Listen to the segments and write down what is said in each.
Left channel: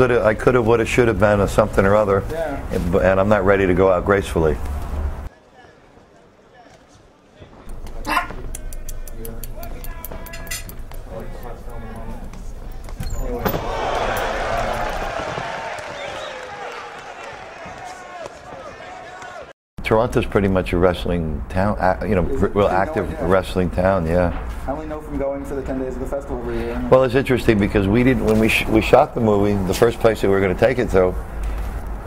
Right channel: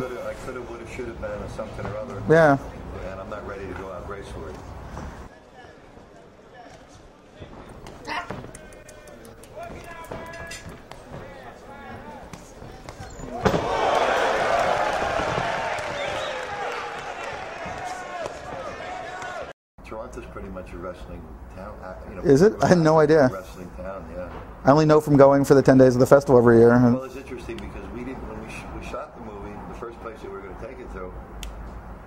I could have, would have, should have been a something or other. Yeah. And I'm not ready to go out gracefully. Toronto's pretty much a wrestling town, you know. Is it? Real I had no active idea. Wrestling town, yeah. I only know from going for the 10 days of the festival every year. Well, it's interesting because we didn't, when we shot the movie, the first place that we were going to take it to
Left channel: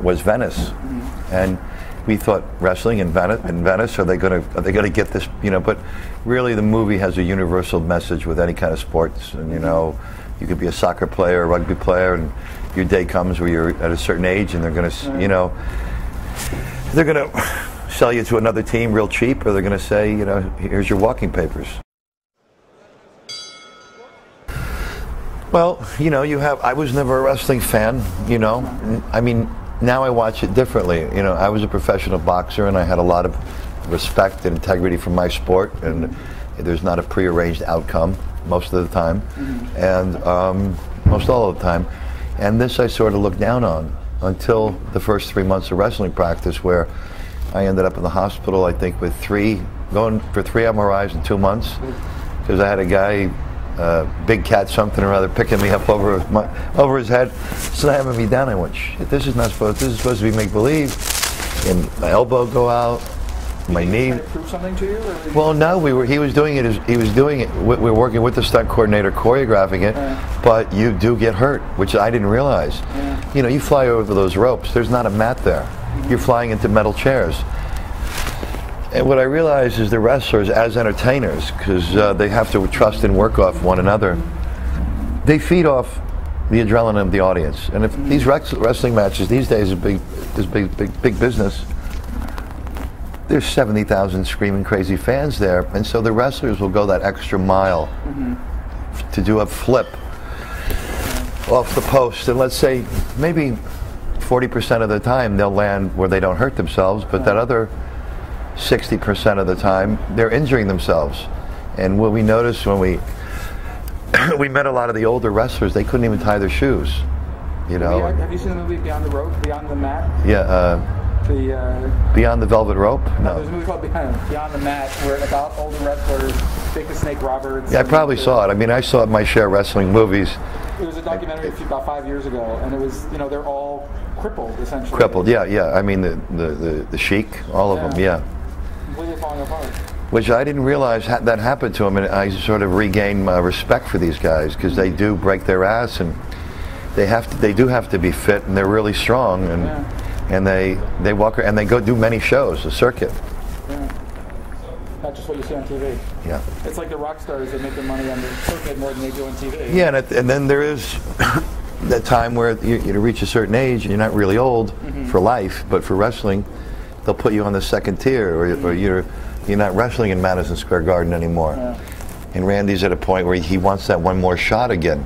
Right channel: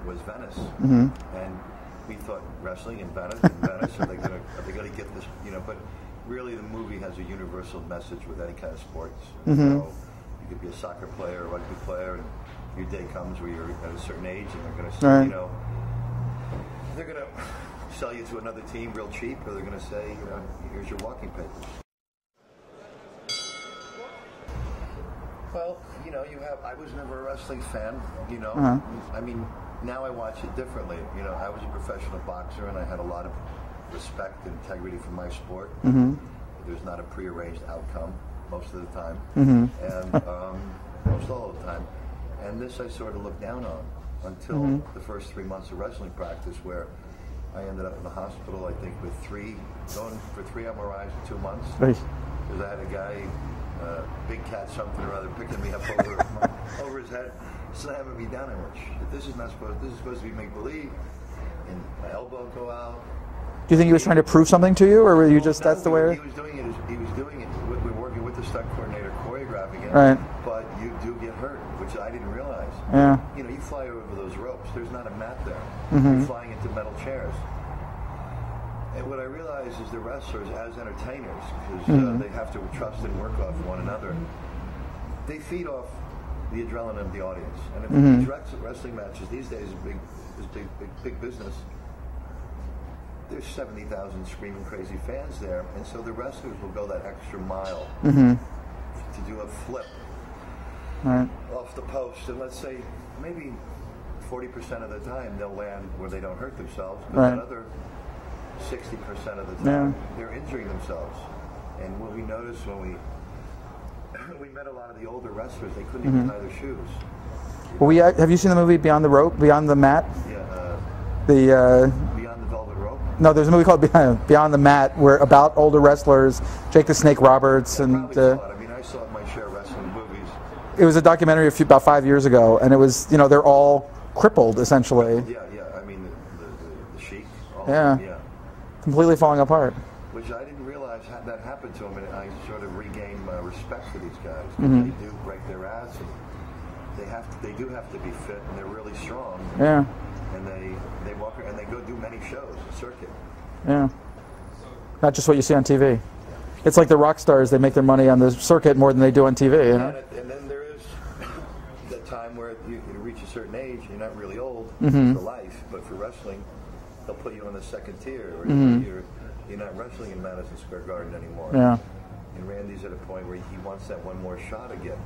was Venice, and we thought wrestling in Venice, are they going to get this, you know? But really, the movie has a universal message with any kind of sports, and you know, you could be a soccer player, a rugby player, and your day comes where you're at a certain age, and they're going to, you know, they're going to sell you to another team real cheap, or they're going to say, you know, here's your walking papers. Well, you know, I was never a wrestling fan, you know. I mean, now I watch it differently. You know, I was a professional boxer, and I had a lot of respect and integrity for my sport, and there's not a prearranged outcome most of the time, and most all of the time. And this I sort of looked down on until the first 3 months of wrestling practice, where I ended up in the hospital, I think, with going for 3 MRIs in 2 months, because I had a guy, big cat something or other, picking me up over his head, slamming me down. I went, shit, this is supposed to be make-believe. And my elbow go out. You think he was trying to prove something to you, or were you? Well, no, he was doing it. We were working with the stunt coordinator, choreographing it. But you do get hurt, which I didn't realize. You know, you fly over those ropes. There's not a mat there. You're flying into metal chairs. And what I realized is the wrestlers, as entertainers, because they have to trust and work off one another, they feed off the adrenaline of the audience. And if these wrestling matches these days is big business, there's 70,000 screaming crazy fans there, and so the wrestlers will go that extra mile to do a flip off the post, and let's say maybe 40% of the time they'll land where they don't hurt themselves, but that other 60% of the time they're injuring themselves. And what we noticed when we met a lot of the older wrestlers, they couldn't even tie their shoes. You know? Well, have you seen the movie Beyond the Rope, Beyond the Mat? Yeah. Beyond the Velvet Rope? No, there's a movie called Beyond the Mat, about older wrestlers, Jake the Snake Roberts. Yeah, I probably saw it. I mean, I saw my share of wrestling movies. It was a documentary about 5 years ago, and it was, you know, they're all crippled, essentially. Crippled, yeah. I mean, the Sheik, all of them, yeah. Completely falling apart. Which I didn't realize that happened to them, and I sort of regained my respect for these guys, because they do break their ass, and they do have to be fit, and they're really strong, and they walk and they go do many shows, a circuit. Yeah. Not just what you see on TV. Yeah. It's like the rock stars, they make their money on the circuit more than they do on TV. Yeah, and then there is that time where you reach a certain age and you're not really old for life, but for wrestling, they'll put you on the second tier, or you're not wrestling in Madison Square Garden anymore. Yeah. And Randy's at a point where he wants that one more shot again,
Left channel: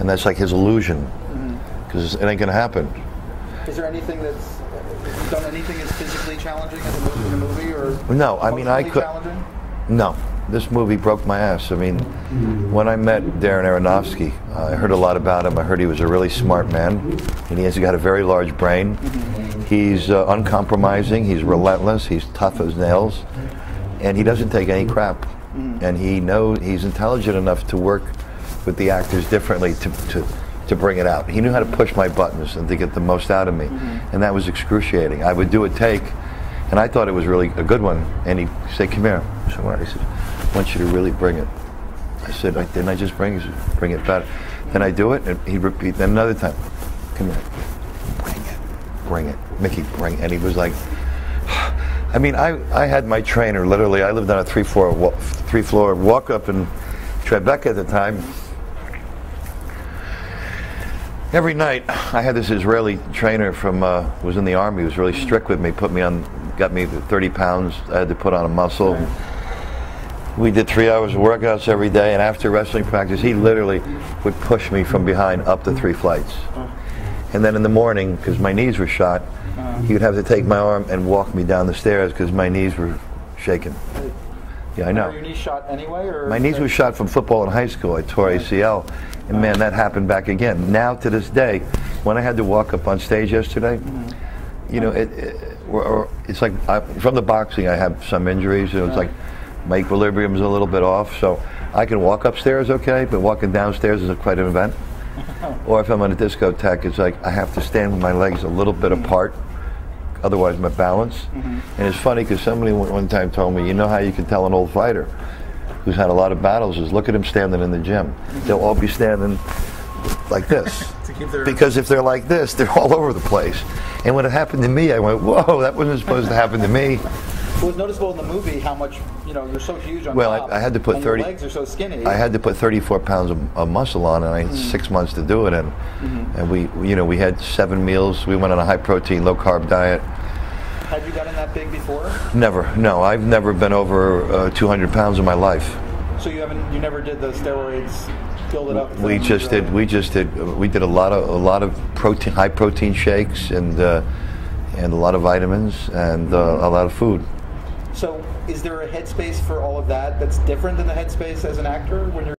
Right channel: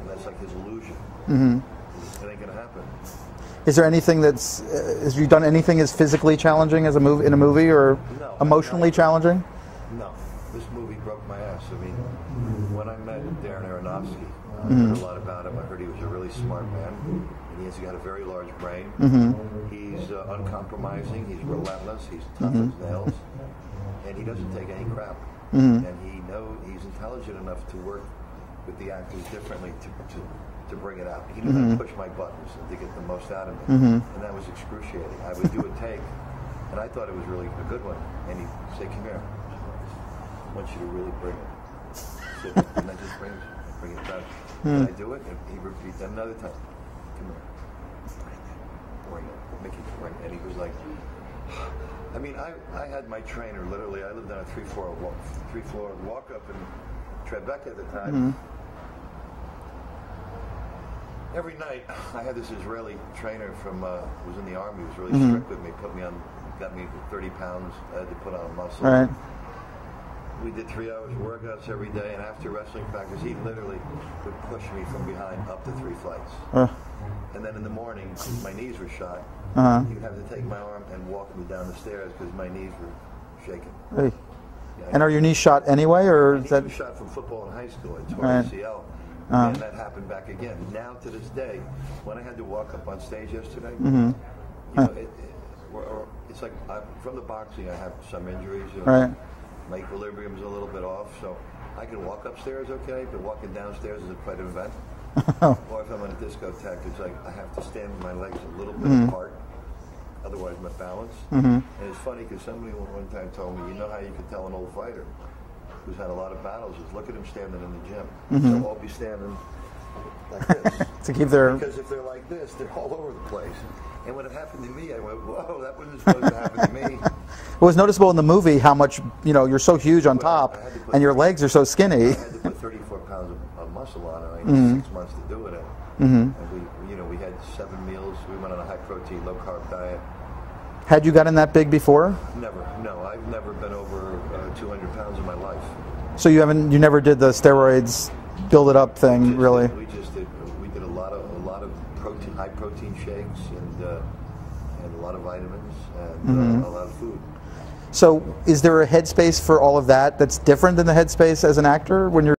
and that's like his illusion, because it ain't gonna happen. Is there anything that's, have you done anything as physically challenging as in a movie, or emotionally challenging? No. This movie broke my ass. I mean, when I met Darren Aronofsky, I heard a lot about him. I heard he was a really smart man, and he has got a very large brain. He's uncompromising, he's relentless, he's tough as nails, and he doesn't take any crap. And he's intelligent enough to work with the actors differently to bring it out. He knew how to push my buttons and to get the most out of me, and that was excruciating. I would do a take, and I thought it was really a good one, and he'd say, "Come here." So he said, "I want you to really bring it." I said, "Didn't I just bring it? He said, bring it better." Then I do it, and he'd repeat. Then another time, "Come here, bring it, Mickey, bring it." And he was like, I mean, I had my trainer literally. I lived on a three-floor walk up in Tribeca at the time. Every night, I had this Israeli trainer from was in the army. He was really strict with me. Got me 30 pounds. I had to put on a muscle. We did 3 hours of workouts every day, and after wrestling practice, he literally would push me from behind up the 3 flights. And then in the morning, because my knees were shot, he would have to take my arm and walk me down the stairs because my knees were shaking. Yeah, I know. And are your knees shot anyway, or? My knees were shot from football in high school. I tore ACL. And man, that happened back again. Now to this day, when I had to walk up on stage yesterday, you know, it's like from the boxing, I have some injuries. It's like my equilibrium's a little bit off, so I can walk upstairs okay, but walking downstairs is quite an event. Or if I'm on a discotheque, it's like I have to stand with my legs a little bit apart, otherwise my balance. And it's funny because somebody one time told me, you know how you can tell an old fighter who's had a lot of battles is look at them standing in the gym. They'll all be standing like this. To keep their... Because if they're like this, they're all over the place. And when it happened to me, I went, whoa, that wasn't supposed to happen to me. It was noticeable in the movie how much, you know, you're so huge on top, I had to put and your legs are so skinny. I had to put 34 pounds of muscle on, and I had 6 months to do it. And we, you know, we had 7 meals. We went on a high-protein, low-carb diet. Had you gotten that big before? Never. No, I've never been over 200 pounds in my life. So you never did the steroids, build it up thing. We did a lot of protein, high-protein shakes, and a lot of vitamins, and a lot of food. So is there a headspace for all of that that's different than the headspace as an actor when you're